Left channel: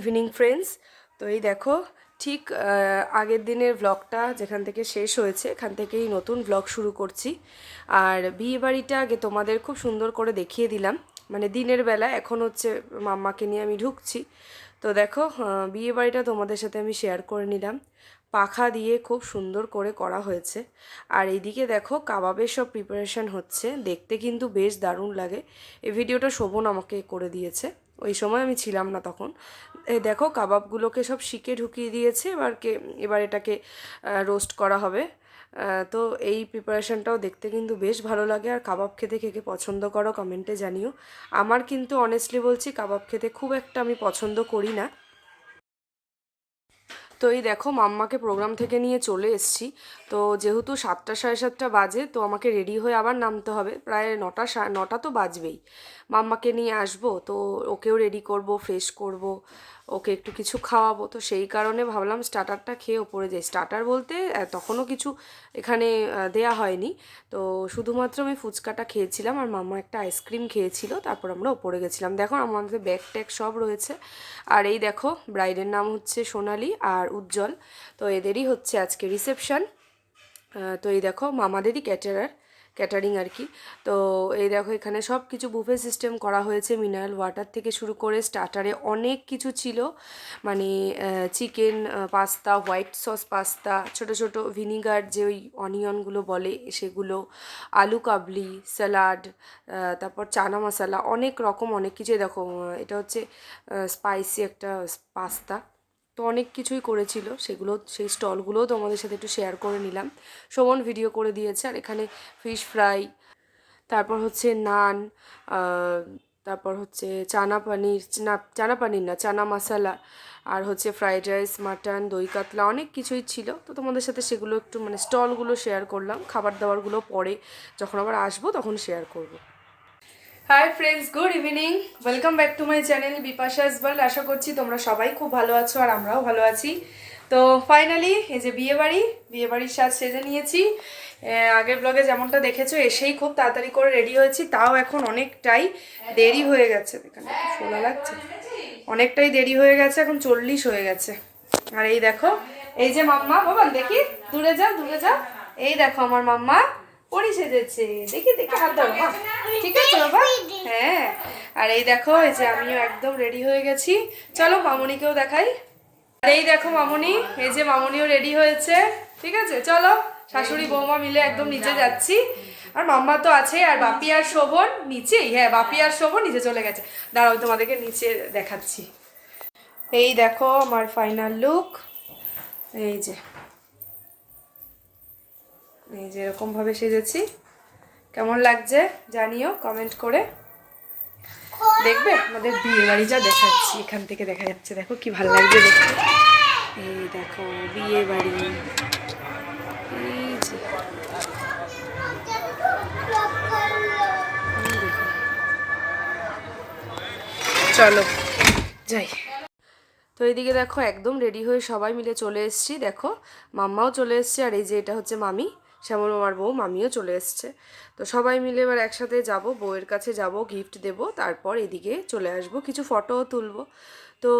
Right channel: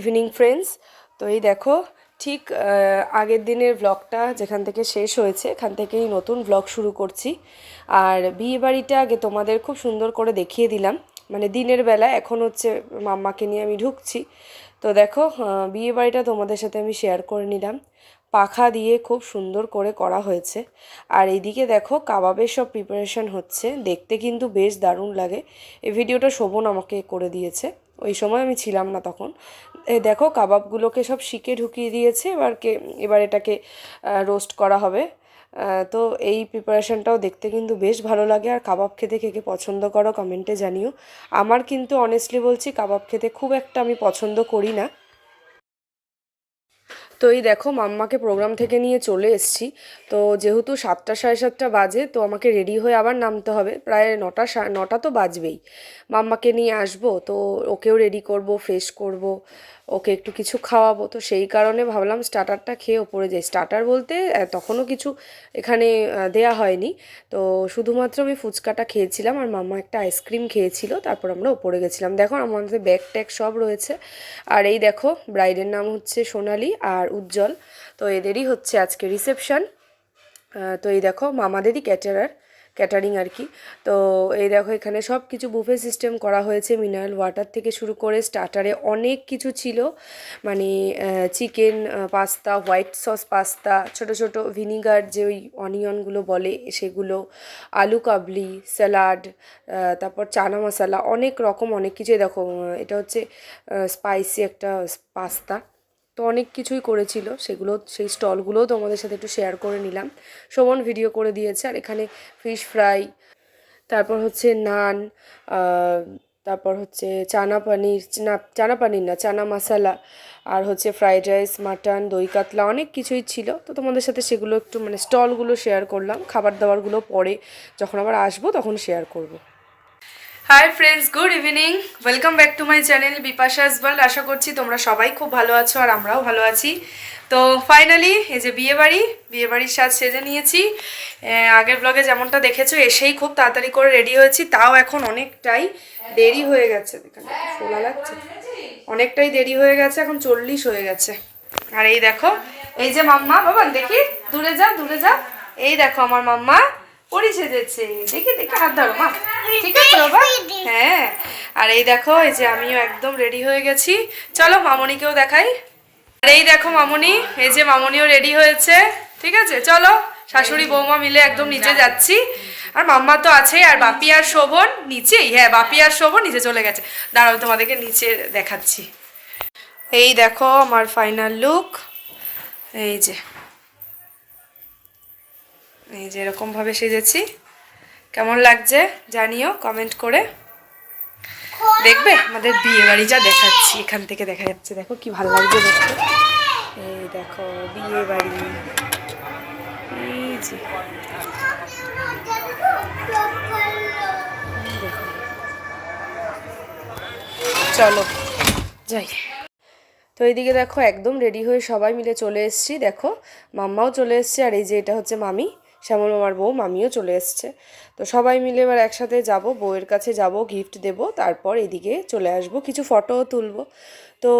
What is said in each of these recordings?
Evening friends. তো এই দেখো ঠিক আগের দিনের ব্লগটা যেখান থেকে শেষ হয়েছে এখান থেকেই নতুন ব্লগ শুরু করছি। আর বিয়ে বাড়িটা আগে তোমাদের খুব সুন্দর করে দেখিয়ে দিলাম, মানে দিনের বেলা। এখন হচ্ছে মাম্মাকে নিয়ে আমি ঢুকছি। তো দেখো বিয়ে বাড়িটা তোমাদের সাথে আমি শেয়ার করে নিলাম। পাখা দিয়ে খুব সুন্দর করে করা হয়েছে। আর এইদিকে দেখো কাবাবের সব প্রিপারেশন হচ্ছে, দেখতে কিন্তু বেশ দারুণ লাগে। এই ভিডিওটা শোভন আমাকে করে দিয়েছে, ওই সময় আমি ছিলাম না তখন। দেখো কাবাবগুলোকে সব শিকে ঢুকিয়ে দিয়েছে, এবার এটাকে রোস্ট করা হবে। তো এই প্রিপারেশনটাও দেখতে কিন্তু বেশ ভালো লাগে। আর কাবাব খেতে কে কে পছন্দ করো কমেন্টে জানিও। আমার কিন্তু অনেস্টলি বলছি কাবাব খেতে খুব একটা আমি পছন্দ করি না। তো এই দেখো মাম্মাকে প্রোগ্রাম থেকে নিয়ে চলে এসেছি। তো যেহেতু 7টা সাড়ে 7টা বাজে, তো আমাকে রেডি হয়ে আবার নামতে হবে। প্রায় 9টা তো বাজবেই। মাম্মাকে নিয়ে আসবো, তো ওকেও রেডি করব, ফ্রেশ করব, ওকে একটু কিছু খাওয়াবো। তো সেই কারণে ভাবলাম স্টার্টারটা খেয়ে ওপরে যাই। স্টার্টার বলতে তখনও কিছু এখানে দেয়া হয়নি। তো শুধুমাত্র আমি ফুচকাটা খেয়েছিলাম আর মাম্মা একটা আইসক্রিম খেয়েছিল, তারপর আমরা ওপরে গেছিলাম। দেখো আমাদের ব্যাগ ট্যাগ সব রয়েছে। আর এই দেখো ব্রাইডের নাম হচ্ছে সোনালি আর উজ্জ্বল। তো এদেরই হচ্ছে আজকে রিসেপশন। তো এই দেখো মামাদেরই ক্যাটারিং আর কি। তো এই দেখো এখানে সব কিছু বুফে সিস্টেম করা হয়েছে, মিনারেল ওয়াটার থেকে শুরু করে স্টার্টারে অনেক কিছু ছিল। মানে chicken pasta, white sauce pasta, ছোট ছোট ভিনিগার যে ওই অনিয়নগুলো বলে সেগুলো, আলু কাবলি, স্যালাড, তারপর চানা মশলা, অনেক রকম অনেক কিছু। দেখো এটা হচ্ছে স্পাইসি একটা পাস্তা। তো অনেক কিছুই করেছিল, সেই স্টলগুলোও তোমাদের সাথে একটু শেয়ার করে নিলাম। শোভন ভিডিও করে দিয়েছে। আর এখানে ফিশ ফ্রাই, তারপর হচ্ছে নান, তারপর হচ্ছে চানা পানির না, চানা মশলা, আর হচ্ছে ফ্রাইড রাইস, মাটন, দই কাতলা, অনেক কিছুই ছিল। তো তোমাদের সাথে সেগুলো একটু মানে স্টলগুলো শেয়ার করলাম। খাবার দাবারগুলো পরে যখন আবার আসবো তখন শেয়ার করব। Hi friends, good evening, welcome back to my channel Bipasha's world. আশা করছি তোমরা সবাই খুব ভালো আছো আর আমরাও ভালো আছি। তো ফাইনালি এই যে বিয়েবাড়ির সাজ সেজে নিয়েছি। আগের ব্লগে যেমনটা দেখেছো এসেই খুব তাড়াতাড়ি করে রেডি হয়েছি, তাও এখন অনেকটাই দেরি হয়ে গেছে। এখানে ফোলা লাগছে, অনেকটাই দেরি হয়ে গেছে, এখন 40 হয়ে গেছে। আর এই দেখো এই যে মাম্মা, বাবা দেখি দূরে যা, এই দেখো আমার মাম্মা পরি সেজেছে। দেখি হাত ধরো মা, ঠিক আছে বাবা? হ্যাঁ। আর এই দেখো এই যে আমিও একদম রেডি হয়ে গেছি। চলো মামনিকেও দেখাই। আর এই দেখো মামনি, এই যে মামনিও রেডি হয়েছে। ঠিক আছে চলো, শাশুড়ি বৌমা মিলে একদম নিচে যাচ্ছি। আর মাম্মা তো আছেই, আর বাপি আর শোভন নিচেই। হ্যাঁ, বাপি আর শোভন নিচে চলে গেছে। দাঁড়াও তোমাদেরকে নিচে দেখাচ্ছি। এই দেখো আমার ফাইনাল লুক। এই যে এরকমভাবে সেজেছি। কেমন লাগছে জানিও কমেন্ট করে। দেখবে আমাদের বিয়ে বাড়ি যা দেখাচ্ছি, এখান থেকে দেখা যাচ্ছে। দেখো কি ভালো লাগছে দেখতে। এই দেখো বিয়ে বাড়ি। চলো যাই। তো এইদিকে দেখো একদম রেডি হয়ে সবাই মিলে চলে এসেছি। দেখো মাম্মাও চলে এসছে, আর এই যে এটা হচ্ছে মামি, শ্যামল মামার বউ, মামিও চলে এসছে। তো সবাই মিলে এবার একসাথে যাব, বউয়ের কাছে যাব, গিফট দেব, তারপর এদিকে চলে আসব, কিছু ফটোও তুলবো। তো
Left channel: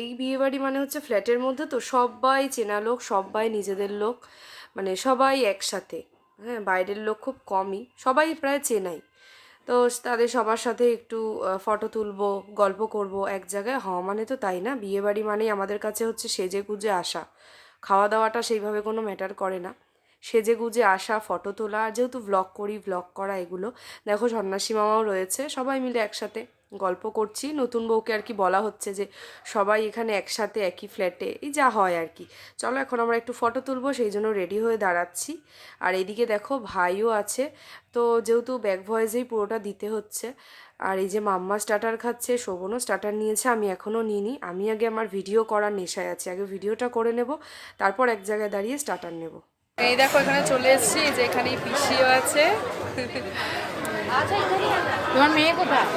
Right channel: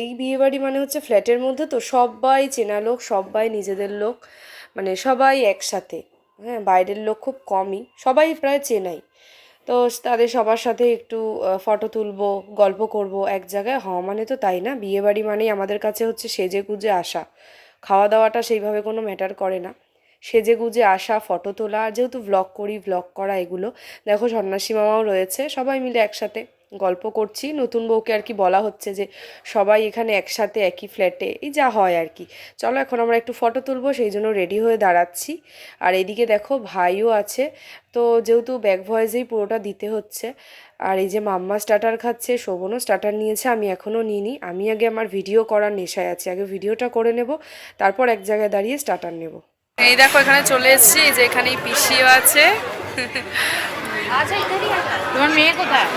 এই বিয়েবাড়ি মানে হচ্ছে ফ্ল্যাটের মধ্যে, তো সবাই চেনা লোক, সবাই নিজেদের লোক, মানে সবাই একসাথে। হ্যাঁ, বাইরের লোক খুব কমই, সবাই প্রায় চেনাই। তো তাদের সবার সাথে একটু ফটো তুলবো, গল্প করব এক জায়গায় হওয়া মানে তো তাই না। বিয়েবাড়ি মানেই আমাদের কাছে হচ্ছে সেজে গুজে আসা, খাওয়া দাওয়াটা সেইভাবে কোনো ম্যাটার করে না। সেজে গুজে আসা, ফটো তোলা, আর যেহেতু ব্লগ করা এগুলো। দেখো সন্ন্যাসী মামাও রয়েছে, সবাই মিলে একসাথে গল্প করছি। নতুন বউকে আর কি বলা হচ্ছে যে সবাই এখানে একসাথে একই ফ্ল্যাটে, এই যা হয় আর কি। চলো এখন আমরা একটু ফটো তুলবো, সেই জন্য রেডি হয়ে দাঁড়াচ্ছি। আর এদিকে দেখো ভাইও আছে। তো যেহেতু ব্যাক ভয়েসেই পুরোটা দিতে হচ্ছে। আর এই যে মাম্মা স্টার্টার খাচ্ছে, শোভনও স্টার্টার নিয়েছে, আমি এখনও নিইনি। আমি আগে আমার ভিডিও করার নেশায় আছি, আগে ভিডিওটা করে নেব, তারপর এক জায়গায় দাঁড়িয়ে স্টার্টার নেব। এই দেখো এখানে চলে এসেছি, যে এখানেই পিসিও আছে। তোমার মেয়ে কোথায়?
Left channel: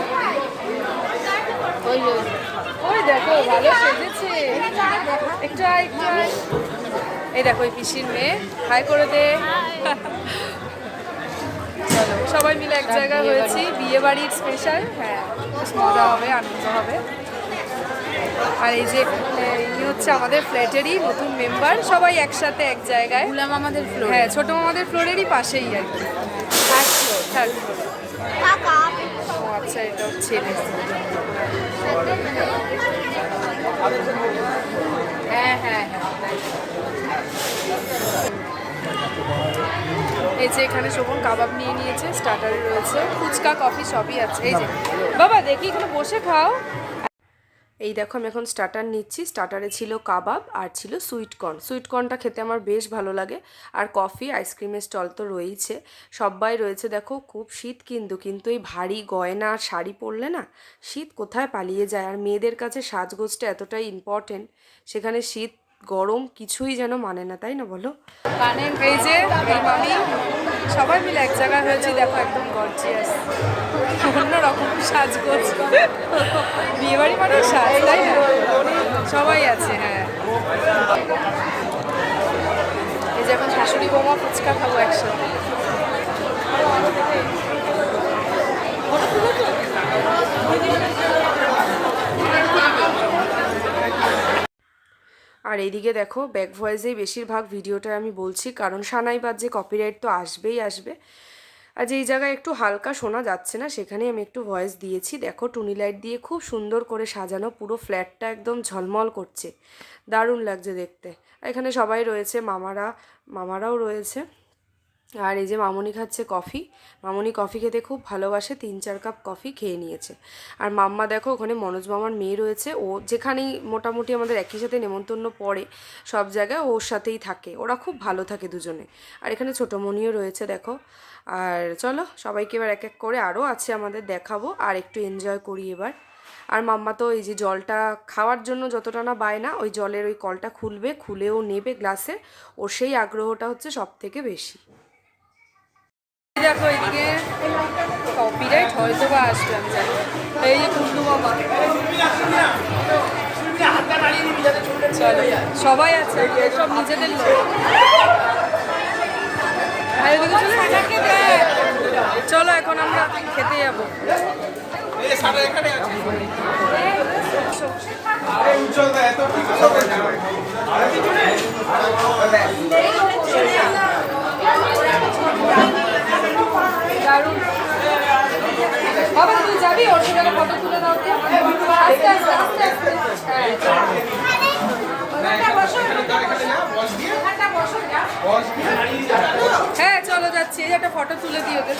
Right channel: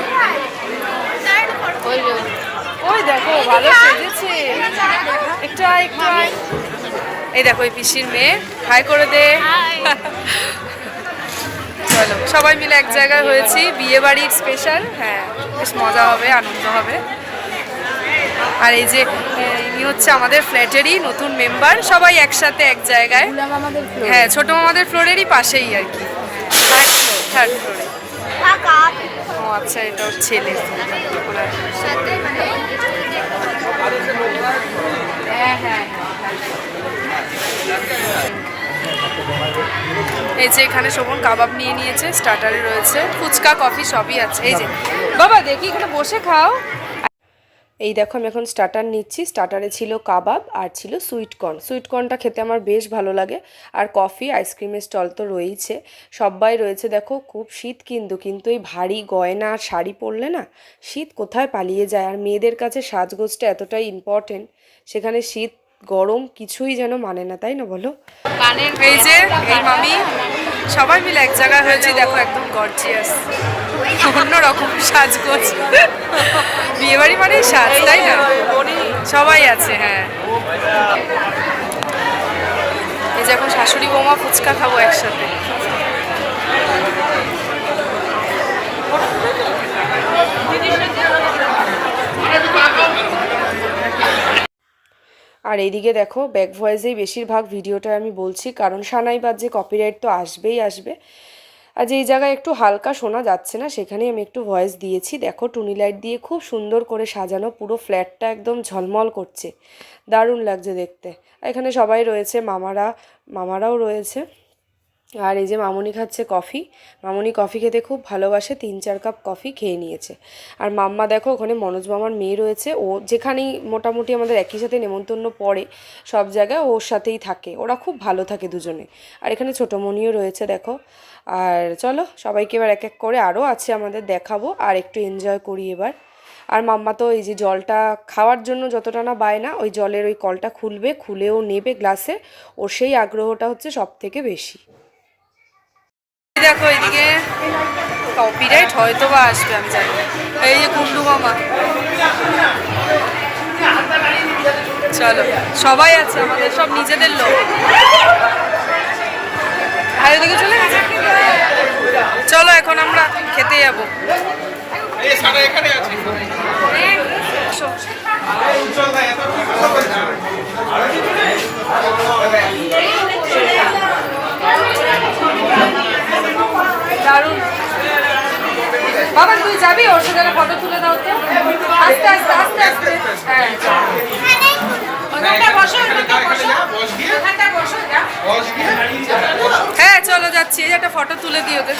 ওই দেখো ভালো সেজেছে, একটু এই দেখো এই পিসির মেয়ে, হাই করে দে। চলো সবাই মিলে এক জায়গায় হয়েছি, বিয়ে বাড়ির স্পেশাল। হ্যাঁ, বেশ মজা হবে, আনন্দ হবে। আর এই যে ইনি হচ্ছে আমাদের ফ্ল্যাটেরই নতুন মেম্বার, সবাই একসাথে এক জায়গায়। হ্যাঁ, ছোট মামাদের ফ্লোরেরই পাশেই আর কি, থার্ড ফ্লোরে। ও আচ্ছা, এটা ওর ছেলে। এই যে এখানে শোভন কাবাব নিয়ে নিয়েছে, স্টার্টারে রয়েছে ফুচকা, কফি সবই আছে। এই যে বাবা দেখি এখানে বসে খাও। এই দেখো আমি এখন স্টার্টার নিচ্ছি। স্টার্টারে ছিল কাবাব আর ছিল সুইটকর্ন। সুইটকর্নটা খেতে আমার বেশ ভালো লাগে। আর কফি, আইসক্রিমের স্টল তো রয়েইছে, সবাই রয়েছে। দেখো খুব শীত কিন্তু এই ভারী গয়না আর শাড়ি পরলে না শীত কোথায় পালিয়ে যায়। আর মেয়েদের কাছে সাজগোজটা এতটাই ইম্পর্টেন্ট, সেখানে শীত গরম কিছুই যেন মানে না, তাই না বলো? এই যে এই মামি সবাই মিলে এক জায়গায় হয়েছি, দেখো একদম গর্জিয়াস, অন্যরকম সাজগোজ। বিয়েবাড়ি মানে সাজ, তাই না? সবাই আছে। হ্যাঁ, এই যে এখন শাশুড়ি বৌমা ফুচকা খাবো একসাথে। আর এইদিকে দেখো ব্যাক ভয়েসেই বেশিরভাগ ভিডিওটা আমি বলছি, কারণ সানাই বাজে কপিরাইট তো আসবেই আসবে। আর যেই জায়গায় একটু হালকা শোনা যাচ্ছে না সেখানেই আমি একটু ভয়েস দিয়েছি। দেখো টুনি লাইট দিয়ে খুব সুন্দর করে সাজানো, পুরো ফ্ল্যাটটা একদম ঝলমল করছে, দারুণ লাগছে দেখতে। এখানে সবাই রয়েছে, মামারাও রয়েছে। আর এই যে মামুনি খাচ্ছে কফি। মামুনি কফি খেতে খুব ভালোবাসে, 3-4 কাপ কফি খেয়ে নিয়েছে। আর মাম্মা দেখো ওখানে মনোজ মামার মেয়ে রয়েছে, ও যেখানেই মোটামুটি আমাদের একই সাথে নেমন্তন্ন পড়ে সব জায়গায় ওর সাথেই থাকে, ওরা খুব ভালো থাকে দুজনে। আর এখানে ছোটোমণিও রয়েছে দেখো। আর চলো সবাইকে এবার এক এক করে, আরও আছে আমাদের, দেখাবো আর একটু এনজয় করি এবার। আর মাম্মা তো এই যে জলটা খাওয়ার জন্য যতটা না বায়না, ওই জলের ওই কলটা খুলবে, খুলেও নেবে গ্লাসে, ওর সেই আগ্রহটা হচ্ছে সব থেকে বেশি। দেখো এইদিকে কপিরাইট হয়তো বা আসবে, আমি জানি। এই যে কুন্ডু মামা, চলো সবাই আছে আমাদের, সব নিজেদের লোক। ভাই ওদিকে চলে গেছে। চলো এখন আমরা খেতে যাবো। দারুণ। বাবা তুই যাবি ওর সাথে ফটো তুলে দাও তো, আস্তে আস্তে আস্তে আস্তে। হ্যাঁ চলো যাচ্ছি, এই একটা ফটো তুলে দিই ওদের।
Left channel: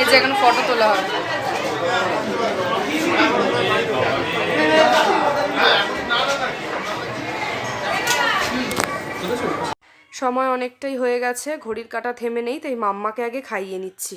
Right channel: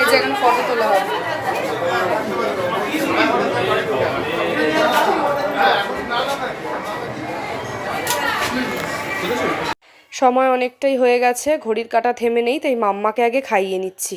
এই যে এখানে ফটো তোলা হবে। সময় অনেকটাই হয়ে গেছে, ঘড়ির কাঁটা থেমে নেই, তাই মাম্মাকে আগে খাইয়ে নিচ্ছি।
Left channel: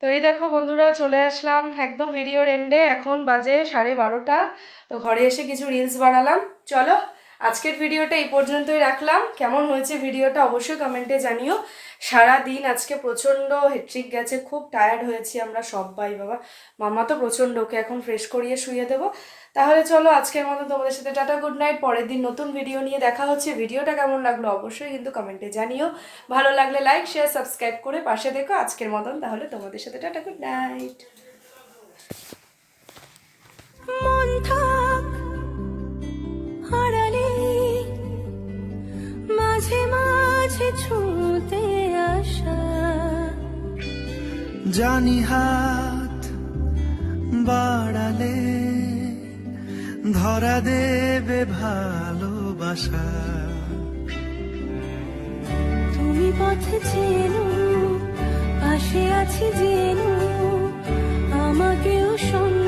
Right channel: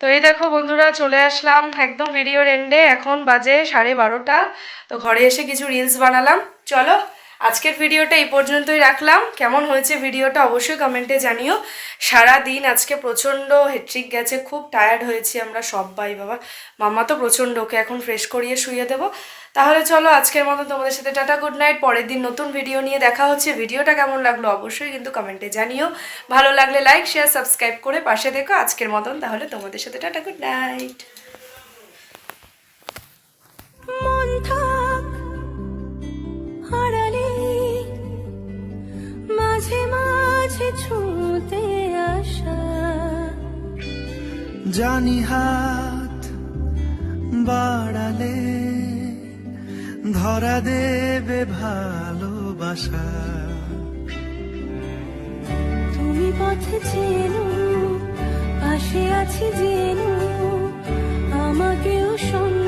তো এই দেখো বন্ধুরা, চলে আসলাম একদম ভিডিওর এন্ডে। এখন বাজে 12:30। তো ঘরে এসে কিছু রিলস বানালাম। চলো আজকের ভিডিওটা এই পর্যন্তই রাখলাম। কেমন হয়েছে ভিডিওটা অবশ্যই কমেন্টে জানিও। সারা দিন আজকে প্রচণ্ড হেট্রিক গেছে, খুব টায়ার্ড হয়েছি আমরা সবাই। বাবা মাম্মা তো প্রচণ্ড, ওকে এখন ফ্রেশ করিয়ে শুয়ে দেবো। তাহলে চলো আজকের মতো তোমাদের সাথে টাটা, গুড নাইট। পরের দিন নতুন ভিডিও নিয়ে দেখা হচ্ছে। ভিডিওটা কেমন লাগলো অবশ্যই কিন্তু কমেন্টে জানিও। ভালো লাগলে লাইক, শেয়ার, সাবস্ক্রাইব করে পাশে দেখো। আজকের মতন তাহলে তোমাদের সাথে টাটা, গুড নাইট। মন থাক হারালে মাঝে মাঝে ছুঁতে আসা, জানি হাত বাড়ালে ধরা দেবে ভালোবাসা। তুমি পথে চেনো, পাশে আছি জেনো, আমাকেও সঙ্গে